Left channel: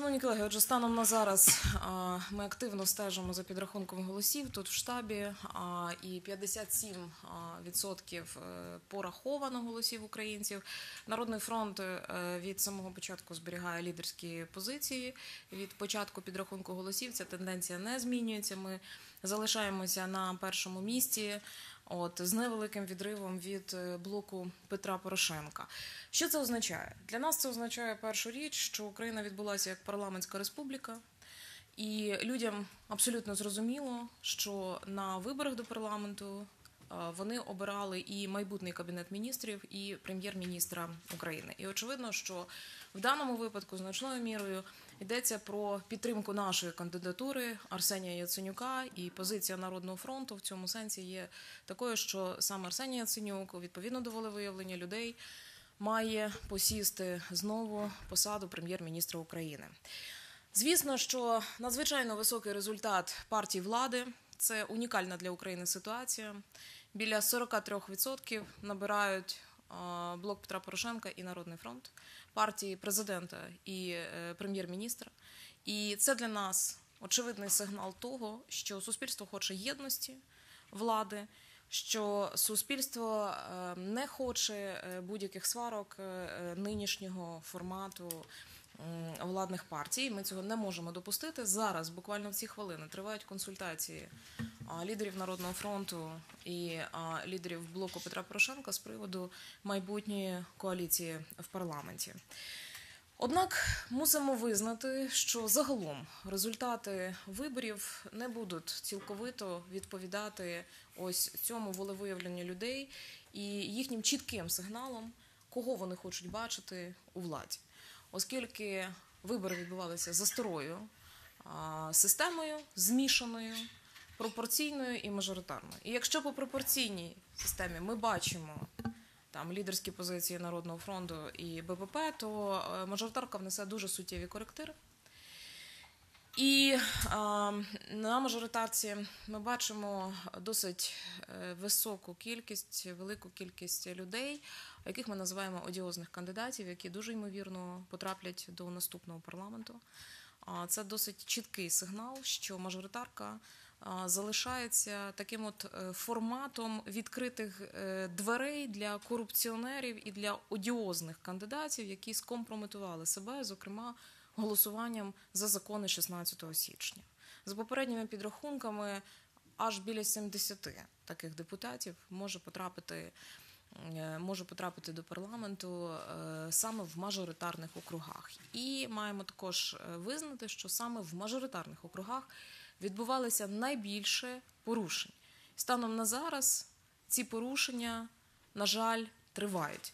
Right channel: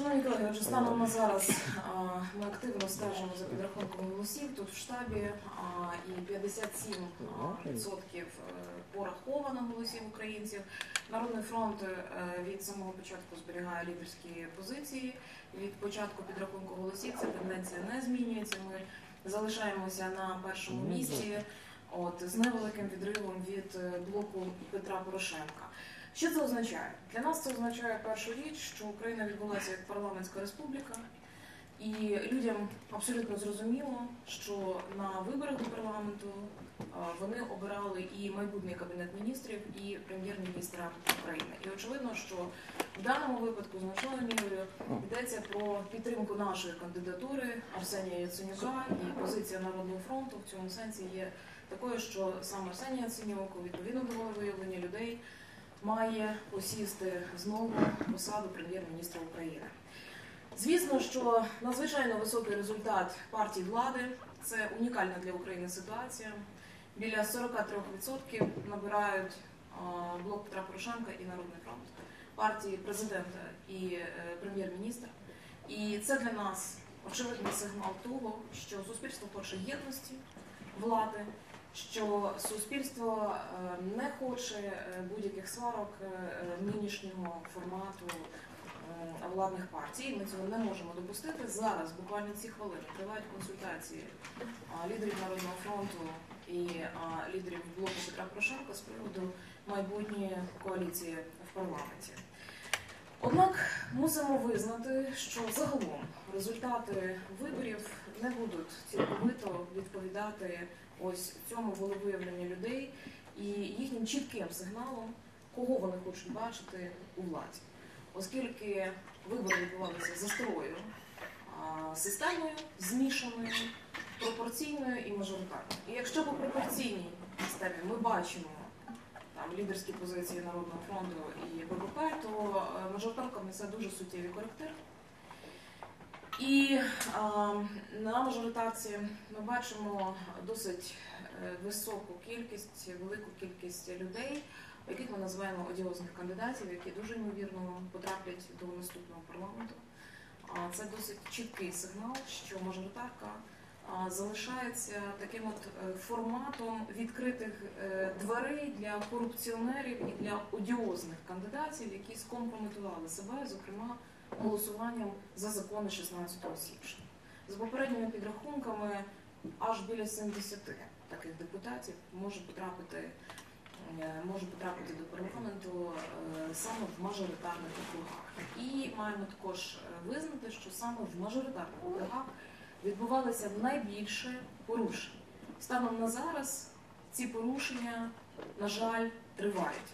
Шановні колеги, отже, станом на зараз ми активно стежимо за підрахунком голосів тут в штабі, і 57 а, відсотків е, пораховано голосів українців. Народний фронт е, від самого початку зберігає лідерські позиції. Від початку підрахунку голосів ця тенденція не змінюється. Ми залишаємося на першому місці, от з невеликим відривом від е, блоку Петра Порошенка. Що це означає? Для нас це означає першу річ, що Україна відбулася як парламентська республіка, і людям абсолютно зрозуміло, що на виборах до парламенту вони обирали і майбутній кабінет міністрів, і прем'єр-міністра України. І очевидно, що в даному випадку значною мірою йдеться про підтримку нашої кандидатури Арсенія Яценюка, і позиція Народного фронту в цьому сенсі є такою, що сам Арсеній Яценюк, відповідно до волевиявлення людей, має посісти знову посаду прем'єр-міністра України. Звісно, що надзвичайно високий результат партії влади це унікальна для України ситуація. Біля 43% набирають блок Петра Порошенка і Народний фронт, партії президента і е, прем'єр-міністра. І це для нас очевидний сигнал того, що суспільство хоче єдності влади, що суспільство е, не хоче е, будь-яких сварок нинішнього формату владних партій. Ми цього не можемо допустити. Зараз, буквально ці хвилини, тривають консультації лідерів Народного фронту і лідерів блоку Петра Порошенка з приводу майбутньої коаліції в парламенті. Однак мусимо визнати, що загалом результати виборів не будуть цілковито відповідати ось цьому волевиявленню людей і їхнім чітким сигналом, кого вони хочуть бачити у владі, оскільки вибори відбувалися за старою системою, змішаною, пропорційною і мажоритарною. І якщо по пропорційній системі ми бачимо там лідерські позиції Народного фронту і ББП, то е, мажоритарка внесе дуже суттєві коректири. І а, на мажоритарці ми бачимо досить е, високу кількість, велику кількість людей, яких ми називаємо одіозних кандидатів, які дуже ймовірно потраплять до наступного парламенту. А це досить чіткий сигнал, що мажоритарка залишається таким от е, форматом відкритих е, дверей для корупціонерів і для одіозних кандидатів, які скомпрометували себе, зокрема голосуванням за закони 16 січня. За попередніми підрахунками, аж біля 70 таких депутатів може потрапити. е, Може потрапити до парламенту саме в мажоритарних округах, і маємо також визнати, що саме в мажоритарних округах відбувалося найбільше порушень. Станом на зараз ці порушення, на жаль, тривають.